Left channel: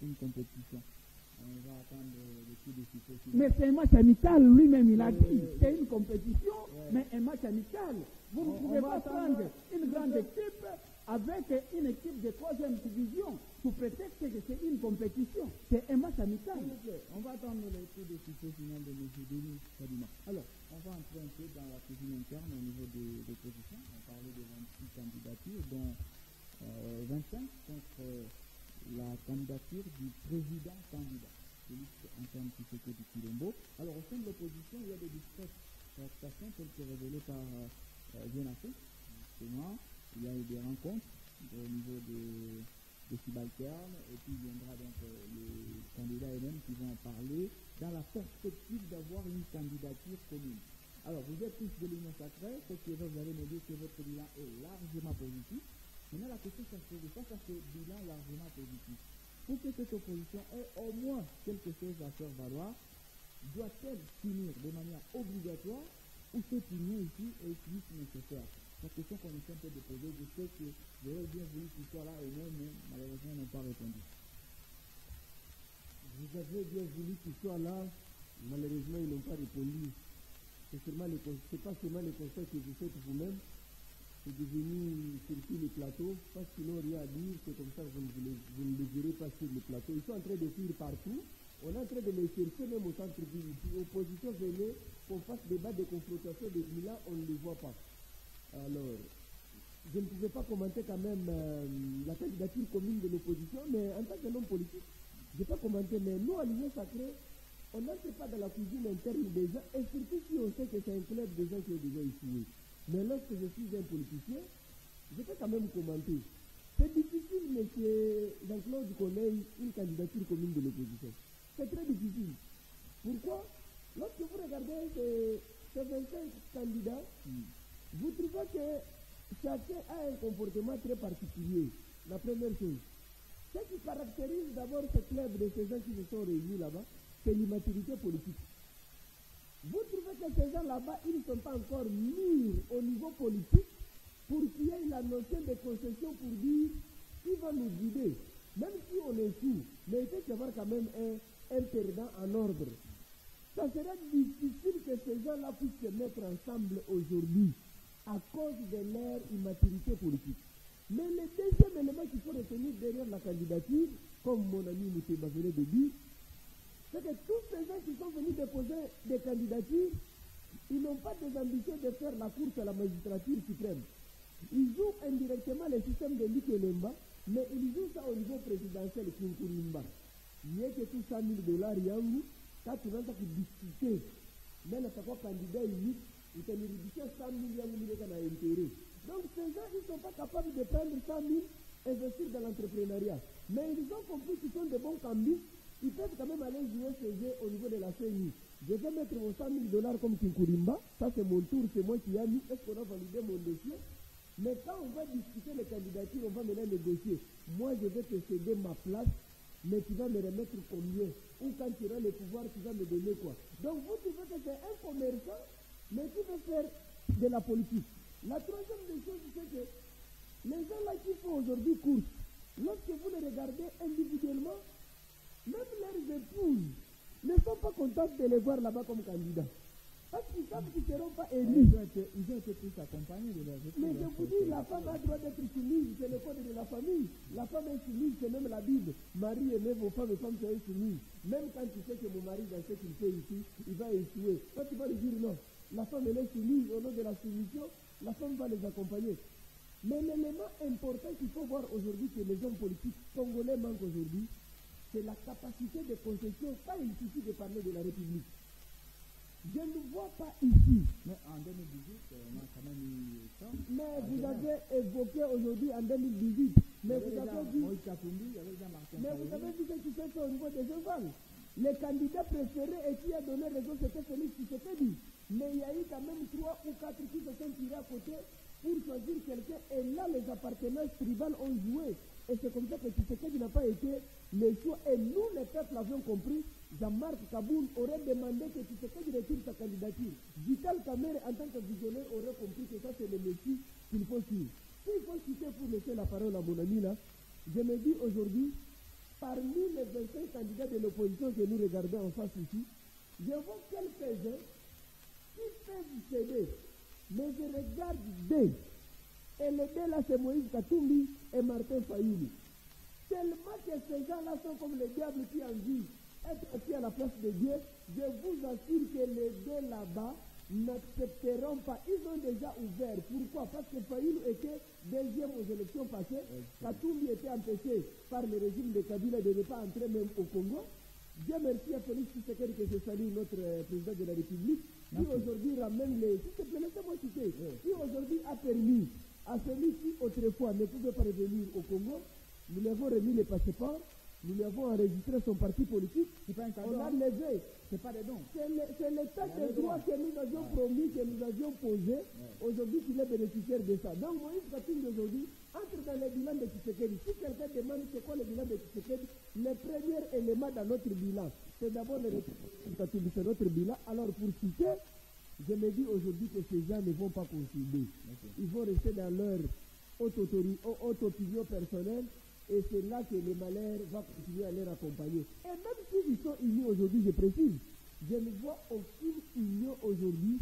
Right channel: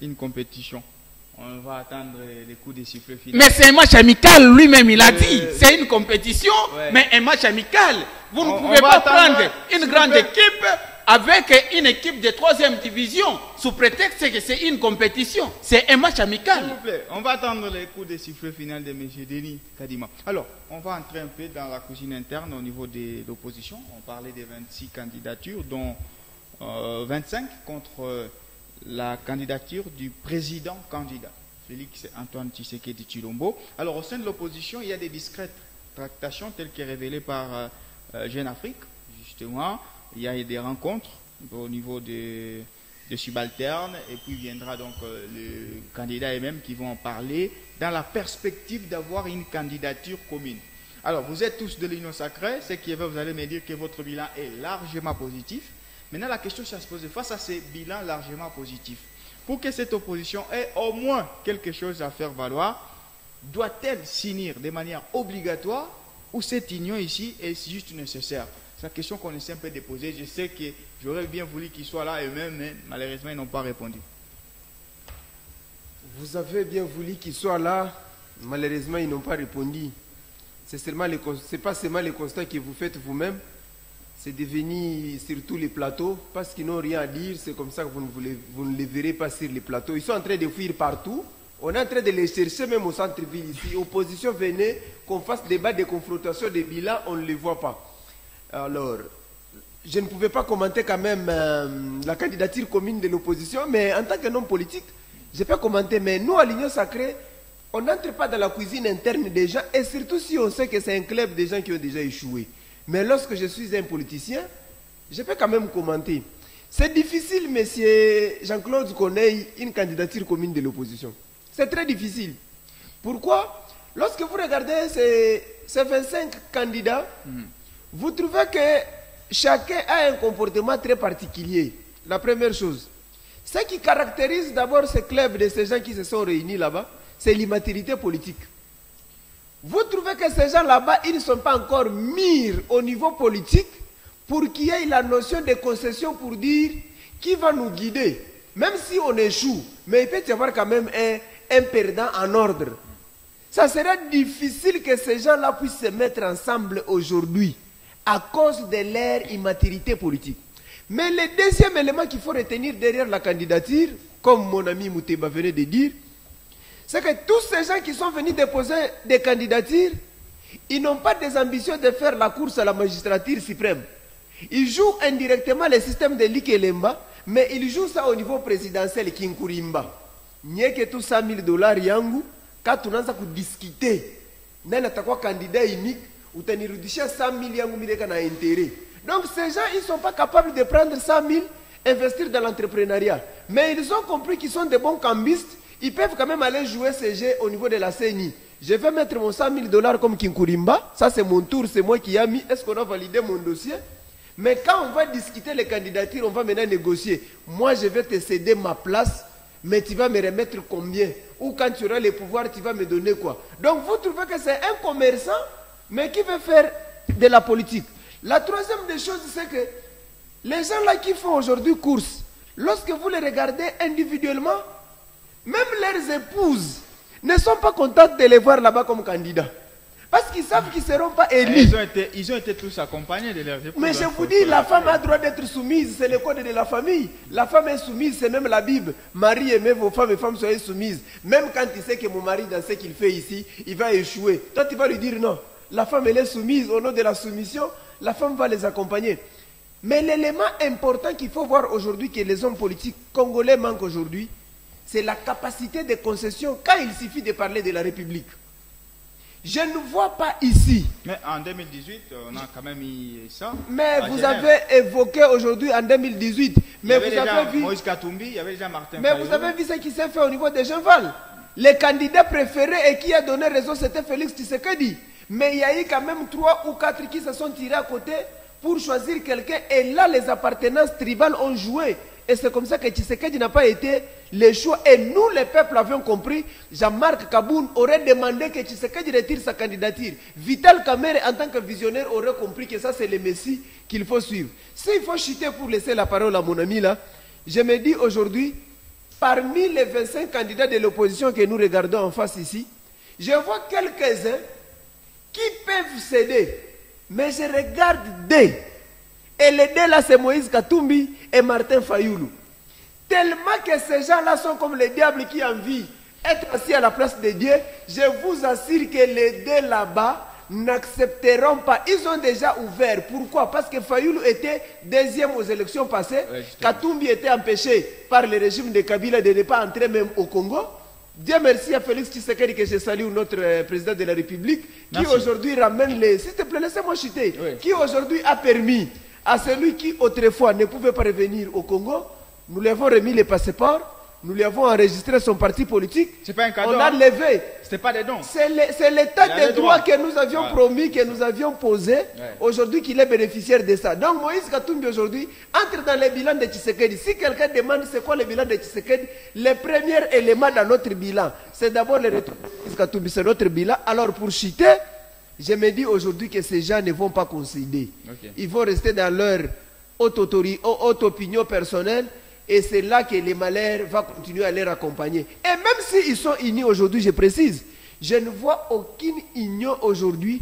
une compétition. On va attendre les coups de sifflet finaux. Mais c'est un match amical, lui-même il a dit. C'est une compétition, mais un match amical. Vous ne pouvez pas prendre une grande équipe avec une équipe de 3e division sous prétexte que c'est une compétition. C'est un match amical. S'il vous plaît, on va attendre les coups de sifflet final de M. Denis Kadima. Alors, on va entrer un peu dans la cuisine interne au niveau de l'opposition. On parlait des 26 candidatures, dont 25 contre la candidature du président candidat, Félix Antoine Tshisekedi Tshilombo. Alors, au sein de l'opposition, il y a des discrètes tractations telles que révélées par Jeune Afrique, justement. Il y a des rencontres au niveau des subalternes et puis viendra donc le candidat et même qui vont en parler dans la perspective d'avoir une candidature commune. Alors, vous êtes tous de l'Union sacrée, ce qui est vrai, vous allez me dire que votre bilan est largement positif. Maintenant, la question c'est à se poser face à ces bilans largement positifs. Pour que cette opposition ait au moins quelque chose à faire valoir, doit-elle s'unir de manière obligatoire ou cette union ici est juste nécessaire? C'est la question qu'on essaie un peu de poser. Je sais que j'aurais bien voulu qu'ils soient là eux-mêmes, mais malheureusement, ils n'ont pas répondu. Vous avez bien voulu qu'ils soient là, malheureusement, ils n'ont pas répondu. C'est pas seulement le constat que vous faites vous-même, c'est de venir sur tous les plateaux, parce qu'ils n'ont rien à dire, c'est comme ça que vous ne les verrez pas sur les plateaux. Ils sont en train de fuir partout, on est en train de les chercher même au centre-ville ici. Opposition, venez, qu'on fasse débat de confrontation, des bilans, on ne les voit pas. Alors, je ne pouvais pas commenter quand même la candidature commune de l'opposition, mais en tant qu'un homme politique, je peux commenter. Mais nous, à l'Union Sacrée, on n'entre pas dans la cuisine interne des gens, et surtout si on sait que c'est un club des gens qui ont déjà échoué. Mais lorsque je suis un politicien, je peux quand même commenter. C'est difficile, monsieur Jean-Claude, qu'on ait une candidature commune de l'opposition. C'est très difficile. Pourquoi? Lorsque vous regardez ces 25 candidats, vous trouvez que chacun a un comportement très particulier. La première chose. Ce qui caractérise d'abord ce club de ces gens qui se sont réunis là-bas, c'est l'immaturité politique. Vous trouvez que ces gens là-bas, ils ne sont pas encore mûrs au niveau politique pour qu'il y ait la notion de concession pour dire qui va nous guider. Même si on échoue, mais il peut y avoir quand même un perdant en ordre. Ça serait difficile que ces gens-là puissent se mettre ensemble aujourd'hui à cause de leur immaturité politique. Mais le deuxième élément qu'il faut retenir derrière la candidature, comme mon ami Mouteba venait de dire, c'est que tous ces gens qui sont venus déposer des candidatures, ils n'ont pas des ambitions de faire la course à la magistrature suprême. Ils jouent indirectement le système de Likelemba, mais ils jouent ça au niveau présidentiel Kinkurimba. N'y que tout $100 yangu, quand on a discuté, n'a pas candidat unique, ou tenirudisha 100 000 yangu mideka na intérêt. Donc ces gens, ils ne sont pas capables de prendre 100 000, investir dans l'entrepreneuriat. Mais ils ont compris qu'ils sont des bons cambistes, ils peuvent quand même aller jouer ces jeux au niveau de la CENI. Je vais mettre mon $100 000 comme Kinkurimba, ça c'est mon tour, c'est moi qui ai mis, est-ce qu'on a validé mon dossier? Mais quand on va discuter les candidatures, on va maintenant négocier. Moi je vais te céder ma place, mais tu vas me remettre combien? Ou quand tu auras les pouvoirs, tu vas me donner quoi? Donc vous trouvez que c'est un commerçant, mais qui veut faire de la politique. La troisième des choses, c'est que les gens là qui font aujourd'hui course, lorsque vous les regardez individuellement, même leurs épouses ne sont pas contentes de les voir là-bas comme candidats. Parce qu'ils savent qu'ils ne seront pas élus. Ils ont été tous accompagnés de leurs épouses. Mais je vous dis, la femme a le droit d'être soumise, c'est le code de la famille. La femme est soumise, c'est même la Bible. Marie, aimez vos femmes et femmes soyez soumises. Même quand il sait que mon mari, dans ce qu'il fait ici, il va échouer. Toi, tu vas lui dire non. La femme, elle est soumise. Au nom de la soumission, la femme va les accompagner. Mais l'élément important qu'il faut voir aujourd'hui, que les hommes politiques congolais manquent aujourd'hui, c'est la capacité de concession quand il suffit de parler de la République. Je ne vois pas ici. Mais en 2018, on a quand même eu ça. Mais vous avez évoqué aujourd'hui en 2018. Mais vous avez vu. Moïse Katumbi, il y avait déjà Martin Mais vous avez vu ce qui s'est fait au niveau des Genval. Le candidat préféré et qui a donné raison, c'était Félix Tshisekedi. Mais il y a eu quand même 3 ou 4 qui se sont tirés à côté pour choisir quelqu'un. Et là, les appartenances tribales ont joué. Et c'est comme ça que Tshisekedi n'a pas été le choix. Et nous, les peuples, avions compris. Jean-Marc Kaboun aurait demandé que Tshisekedi retire sa candidature. Vital Kamerhe, en tant que visionnaire, aurait compris que ça, c'est le Messie qu'il faut suivre. S'il faut chuter pour laisser la parole à mon ami là, je me dis aujourd'hui, parmi les 25 candidats de l'opposition que nous regardons en face ici, je vois quelques-uns qui peuvent céder. Mais je regarde deux. Et les deux là, c'est Moïse Katumbi et Martin Fayoulou. Tellement que ces gens-là sont comme les diables qui envient être assis à la place de Dieu, je vous assure que les deux là-bas n'accepteront pas. Ils ont déjà ouvert. Pourquoi? Parce que Fayoulou était deuxième aux élections passées. Ouais, Katumbi était empêché par le régime de Kabila de ne pas entrer même au Congo. Dieu merci à Félix Tshisekedi que je salue, notre président de la République, qui aujourd'hui ramène les... S'il te plaît, laissez-moi chuter. Oui. Qui aujourd'hui a permis à celui qui autrefois ne pouvait pas revenir au Congo, nous lui avons remis les passeports, nous lui avons enregistré son parti politique. C'est pas un cadeau. On a levé. C'était pas des dons. C'est l'état des droits que nous avions promis, que nous avions posé, aujourd'hui qu'il est bénéficiaire de ça. Donc Moïse Katumbi aujourd'hui entre dans le bilan de Tshisekedi. Si quelqu'un demande c'est quoi le bilan de Tshisekedi, le premier élément dans notre bilan, c'est d'abord le retour de Moïse Katumbi, c'est notre bilan. Alors pour chuter, je me dis aujourd'hui que ces gens ne vont pas concéder. Ils vont rester dans leur haute opinion personnelle. Et c'est là que les malheurs vont continuer à les accompagner. Et même s'ils sont unis aujourd'hui, je précise, je ne vois aucune union aujourd'hui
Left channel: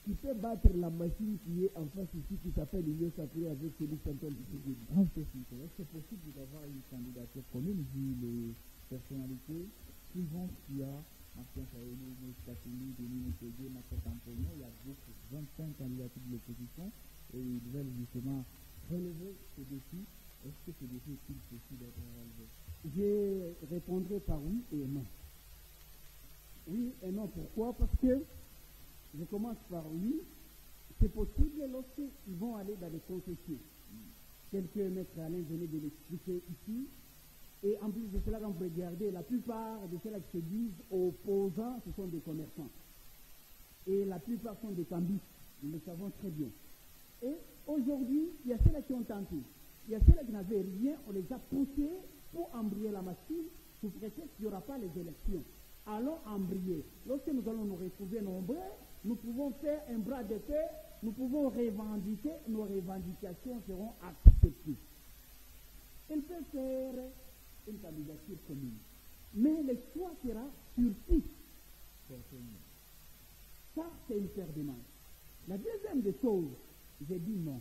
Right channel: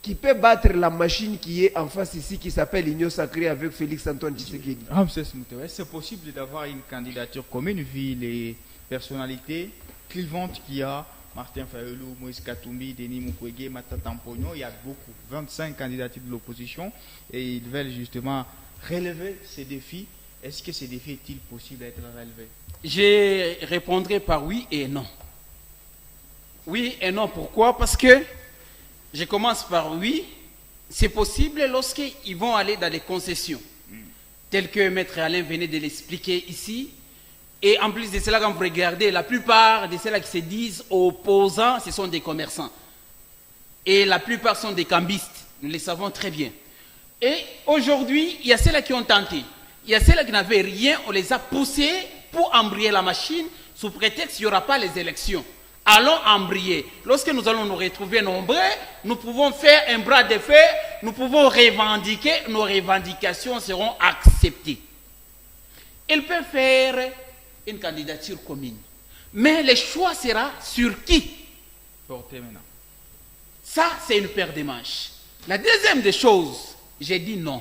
qui peut battre la machine qui est en face ici, qui s'appelle l'Union sacrée avec Félix Antoine Tshisekedi. C'est possible d'avoir une candidature commune vu les personnalités clivantes qu'il y a? Martin Fayoulou, Moïse Katumbi, Denis Mukwege, Matata Mponyo, il y a beaucoup, 25 candidatures de l'opposition, et ils veulent justement relever ces défis. Est-ce que ces défis est-il possible d'être relevé? Je répondrai par oui et non. Oui et non, pourquoi? Parce que, je commence par oui, c'est possible lorsqu'ils vont aller dans les concessions, telles que Maître Alain venait de l'expliquer ici. Et en plus de cela, quand vous regardez, la plupart de ceux-là qui se disent opposants, ce sont des commerçants. Et la plupart sont des cambistes, nous le savons très bien. Et aujourd'hui, il y a ceux-là qui ont tenté. Il y a ceux-là qui n'avaient rien, on les a poussés pour embrayer la machine sous prétexte qu'il n'y aura pas les élections. Allons embrayer. Lorsque nous allons nous retrouver nombreux, nous pouvons faire un bras de fer, nous pouvons revendiquer, nos revendications seront acceptées. Ils peuvent faire une candidature commune. Mais le choix sera sur qui? Porter maintenant. Ça, c'est une paire de manches. La deuxième des choses, j'ai dit non.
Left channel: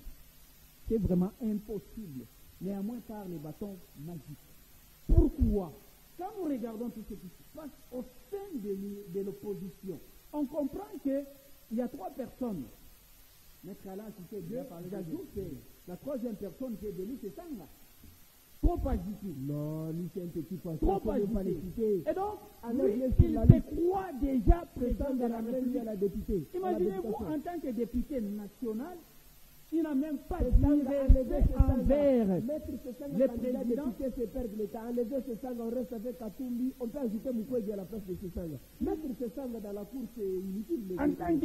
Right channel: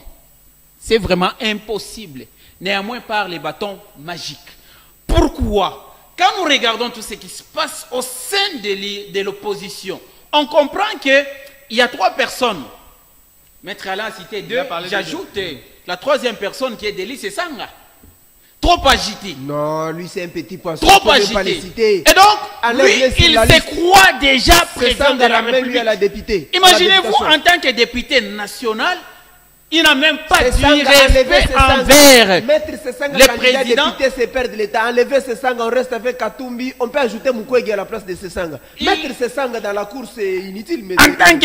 C'est vraiment impossible, néanmoins par les bâtons magiques. Pourquoi? Quand nous regardons tout ce qui se passe au sein de l'opposition, on comprend qu'il y a trois personnes. Maître Alain a cité deux, j'ajoute la troisième personne qui est Deli, c'est Sanga. Trop agité. Non, lui c'est un petit poisson. Trop agité. Et donc, lui, il se croit déjà président de la République. À la députée. Imaginez-vous en tant que député national, il n'a même pas du respect envers le président. Les députés se perdent l'État. Enlever Sesanga, on reste avec Katumbi. On peut ajouter Mukwege à la place de Sesanga. Mettre Sesanga dans la course, c'est inutile. Mais en tant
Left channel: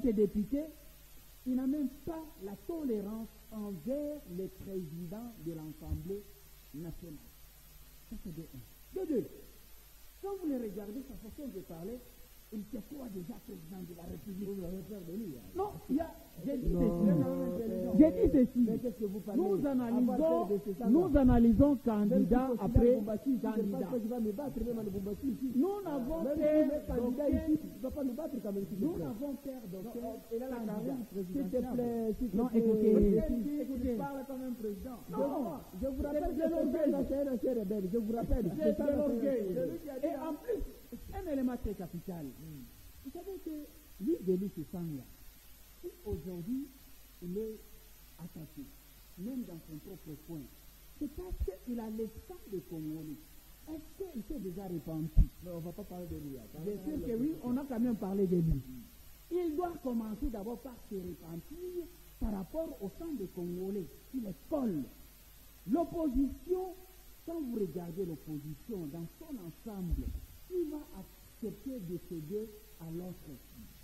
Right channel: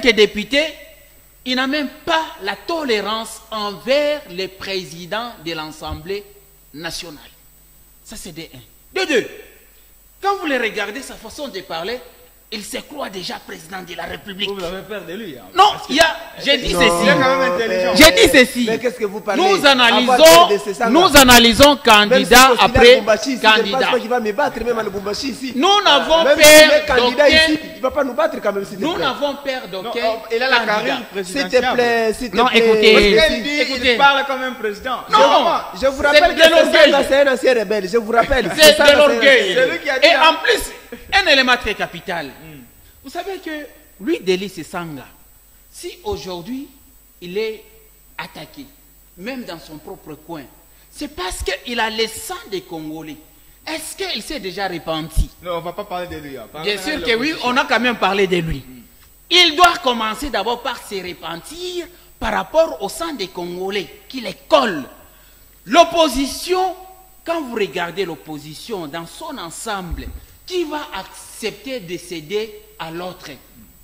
que député, il n'a même pas la tolérance envers le président de l'Assemblée nationale. Ça, c'est de 1. De 2, quand vous le regardez, sa façon de parler, il se croit déjà président de la République. Vous avez peur de lui. Hein, non, j'ai dit ceci. Il est quand même intelligent. J'ai dit ceci. Mais qu'est-ce que vous parlez? Nous analysons candidat après candidat. Nous n'avons peur d'aucun. Il ne va pas nous battre quand même. Nous n'avons peur d'aucun. Il a la carrière présidentielle. S'il te plaît, s'il te plaît. Non, écoutez. Il parle comme un président. Non, je vous rappelle que c'est un ancien rebelle. Je vous rappelle. C'est de l'orgueil. Et en plus, un élément très capital. Vous savez que lui, Deli Sesanga, si aujourd'hui il est attaqué, même dans son propre coin, c'est parce qu'il a le sang des Congolais. Est-ce qu'il s'est déjà repenti? Non, on ne va pas parler de lui. Hein. Bien sûr que oui, on a quand même parlé de lui. Il doit commencer d'abord par se repentir par rapport au sang des Congolais qui les colle. L'opposition, quand vous regardez l'opposition dans son ensemble, qui va accepter de céder à l'autre?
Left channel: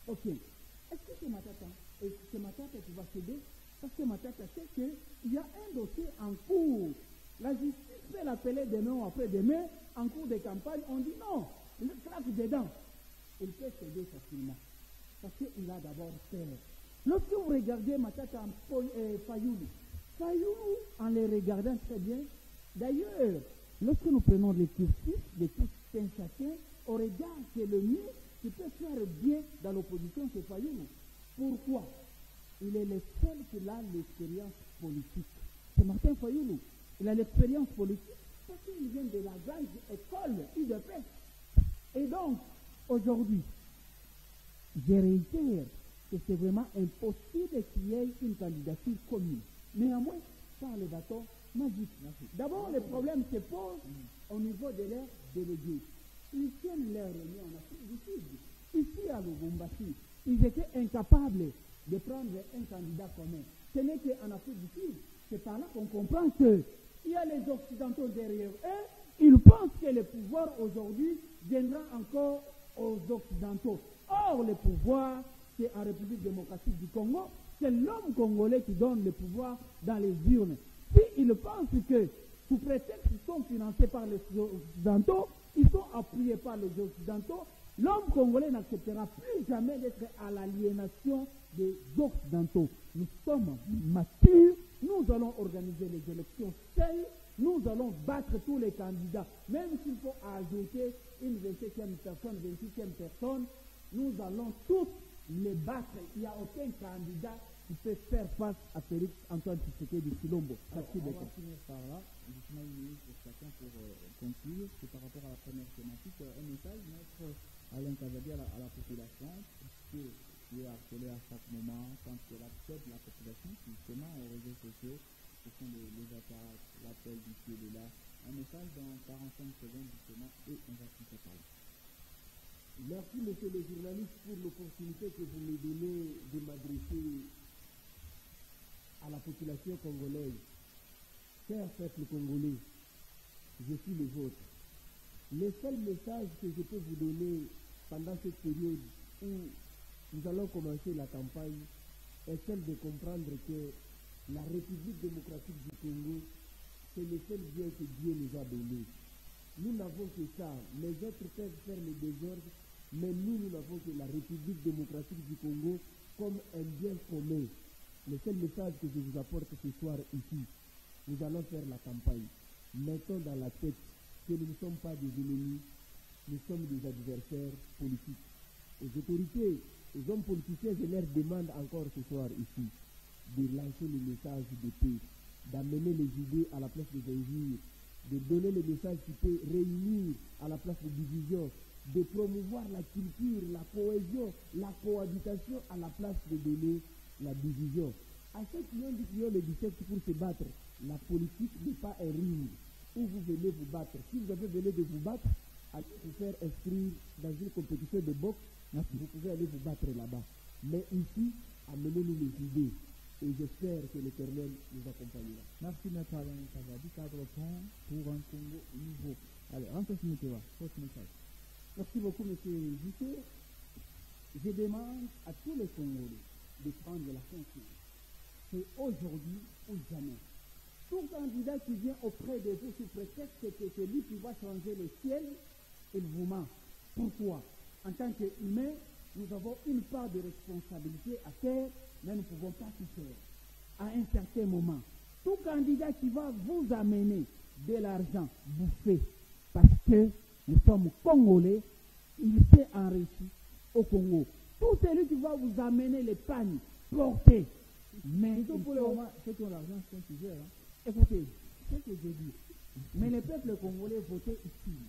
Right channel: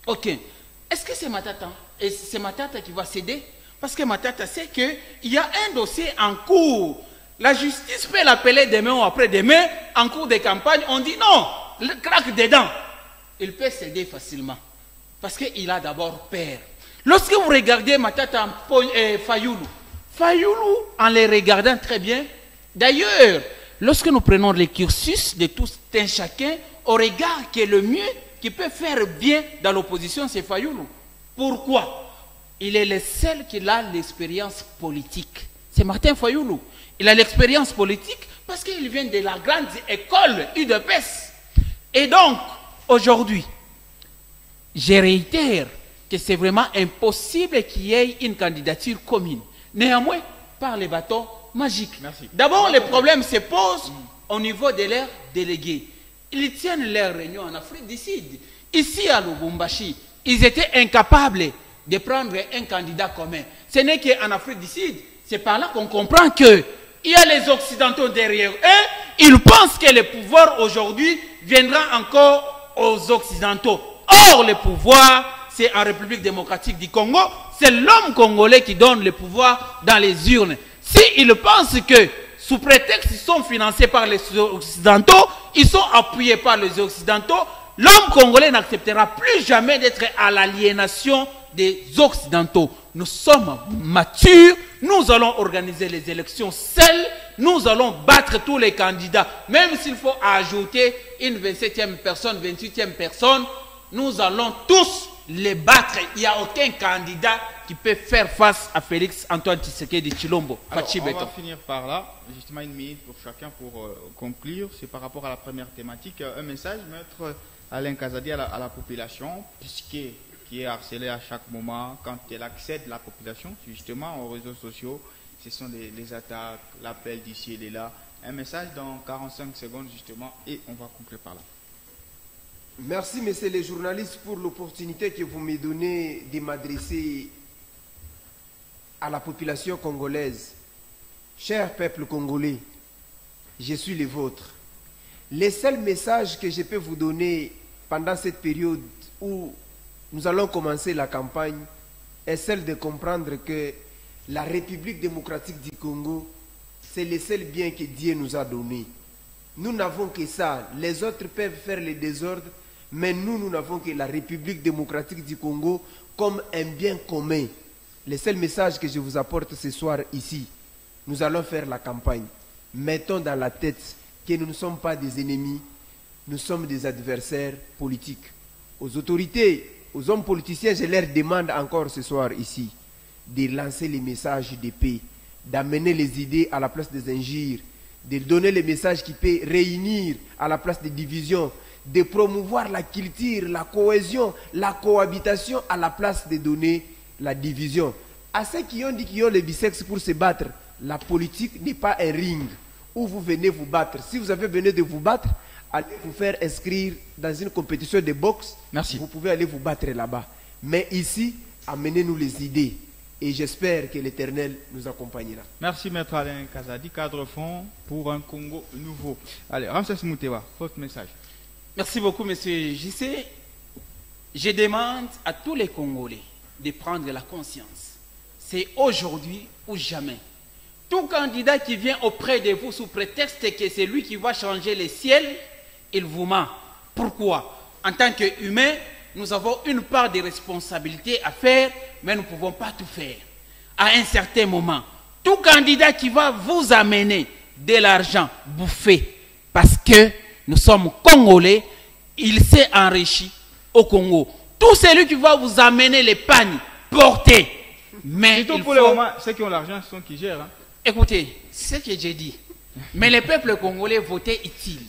Ok. Est-ce que c'est Matata? Et c'est Matata qui va céder? Parce que Matata sait qu'il y a un dossier en cours. La justice peut l'appeler demain ou après-demain, en cours de campagne. On dit non, le craque dedans. Il peut céder facilement. Parce qu'il a d'abord peur. Lorsque vous regardez Matata Fayoulou, en les regardant très bien, d'ailleurs, lorsque nous prenons les cursus de tout un chacun, au regard que le mieux qui peut faire bien dans l'opposition, c'est Fayoulou. Pourquoi? Il est le seul qui a l'expérience politique. C'est Martin Fayoulou. Il a l'expérience politique parce qu'il vient de la grande école UDPS. Et donc, aujourd'hui, je réitère que c'est vraiment impossible qu'il y ait une candidature commune. Néanmoins, par les bâtons magiques. D'abord, les problèmes se posent au niveau de leurs délégués. Ils tiennent leur réunion en Afrique du Sud. Ici à Lubumbashi, ils étaient incapables de prendre un candidat commun. Ce n'est qu'en Afrique du Sud, c'est par là qu'on comprend qu'il y a les Occidentaux derrière eux. Ils pensent que le pouvoir aujourd'hui viendra encore aux Occidentaux. Or, le pouvoir, c'est en République démocratique du Congo. C'est l'homme congolais qui donne le pouvoir dans les urnes. S'ils pensent que, sous prétexte qu'ils sont financés par les Occidentaux, ils sont appuyés par les Occidentaux, l'homme congolais n'acceptera plus jamais d'être à l'aliénation des Occidentaux. Nous sommes matures, nous allons organiser les élections seuls, nous allons battre tous les candidats. Même s'il faut ajouter une 27e personne, 28e personne, nous allons tous les battre. Il n'y a aucun candidat qui peut faire face à Félix Antoine Tshisekedi Tshilombo. Alors, on va finir par là, justement une minute pour chacun pour conclure. C'est par rapport à la première thématique. Un message, maître Alain Kazadi, à la population, qui est harcelée à chaque moment quand elle accède la population, justement, aux réseaux sociaux. Ce sont les attaques, l'appel d'ici et de là. Un message dans 45 secondes, justement, et on va conclure par là. Merci, messieurs les journalistes, pour l'opportunité que vous me donnez de m'adresser à la population congolaise. Cher peuple congolais, je suis le vôtre. Le seul message que je peux vous donner pendant cette période où nous allons commencer la campagne est celle de comprendre que la République démocratique du Congo, c'est le seul bien que Dieu nous a donné. Nous n'avons que ça. Les autres peuvent faire le désordre, mais nous n'avons que la République démocratique du Congo comme un bien commun. Le seul message que je vous apporte ce soir ici, nous allons faire la campagne. Mettons dans la tête que nous ne sommes pas des ennemis, nous sommes des adversaires politiques. Aux autorités, aux hommes politiciens, je leur demande encore ce soir ici de lancer les messages de paix, d'amener les idées à la place des injures, de donner les messages qui peuvent réunir à la place des divisions, de promouvoir la culture, la cohésion, la cohabitation à la place de donner la division. À ceux qui ont dit qu'ils ont les biceps pour se battre, la politique n'est pas un ring où vous venez vous battre. Si vous avez venu de vous battre, allez vous faire inscrire dans une compétition de boxe. Merci. Vous pouvez aller vous battre là-bas. Mais ici, amenez-nous les idées. Et j'espère que l'Éternel nous accompagnera. Merci, maître Alain Kazadi, cadre fond pour un Congo nouveau. Allez, Ramses Moutewa, votre message. Merci beaucoup, monsieur JC. Je demande à tous les Congolais de prendre la conscience. C'est aujourd'hui ou jamais. Tout candidat qui vient auprès de vous sous prétexte que c'est lui qui va changer les ciels, il vous ment. Pourquoi? En tant qu'humains, nous avons une part de responsabilité à faire, mais nous ne pouvons pas tout faire. À un certain moment, tout candidat qui va vous amener de l'argent bouffé, parce que nous sommes Congolais, il s'est enrichi au Congo. Tout celui qui va vous amener les pagnes portées, mais surtout pour le moment, ceux qui ont l'argent, ce sont qui gèrent. Hein. Écoutez, ce que j'ai dit. Mais les peuples congolais, votez utile.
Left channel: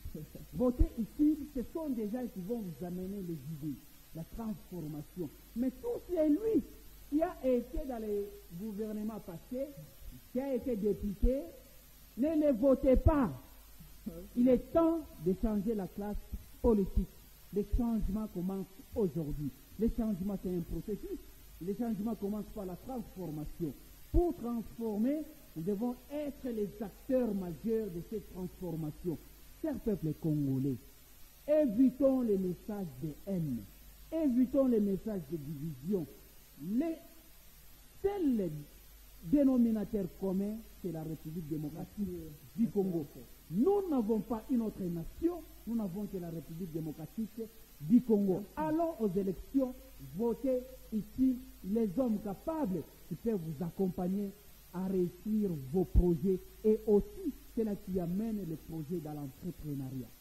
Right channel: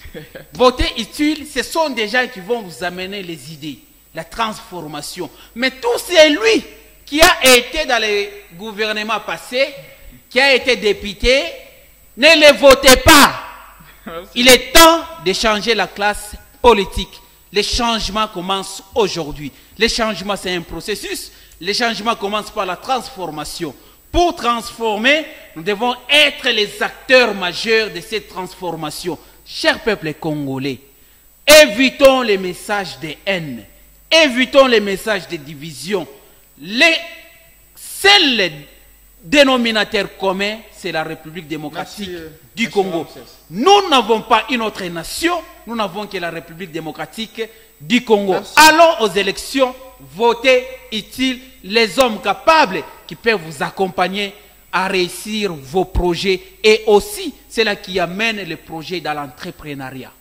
Votez utile, ce sont des gens qui vont vous amener les idées, la transformation. Mais tout celui qui a été dans les gouvernements passés, qui a été député, ne les votez pas. Il est temps de changer la classe politique. Les changements commencent aujourd'hui. Les changements, c'est un processus. Les changements commencent par la transformation. Pour transformer, nous devons être les acteurs majeurs de cette transformation. Chers peuples congolais, évitons les messages de haine, évitons les messages de division. Le seul dénominateur commun, c'est la République démocratique du Congo. Nous n'avons pas une autre nation, nous n'avons que la République démocratique du Congo. Merci. Allons aux élections, votez utile les hommes capables qui peuvent vous accompagner à réussir vos projets et aussi cela qui amène les projets dans l'entrepreneuriat.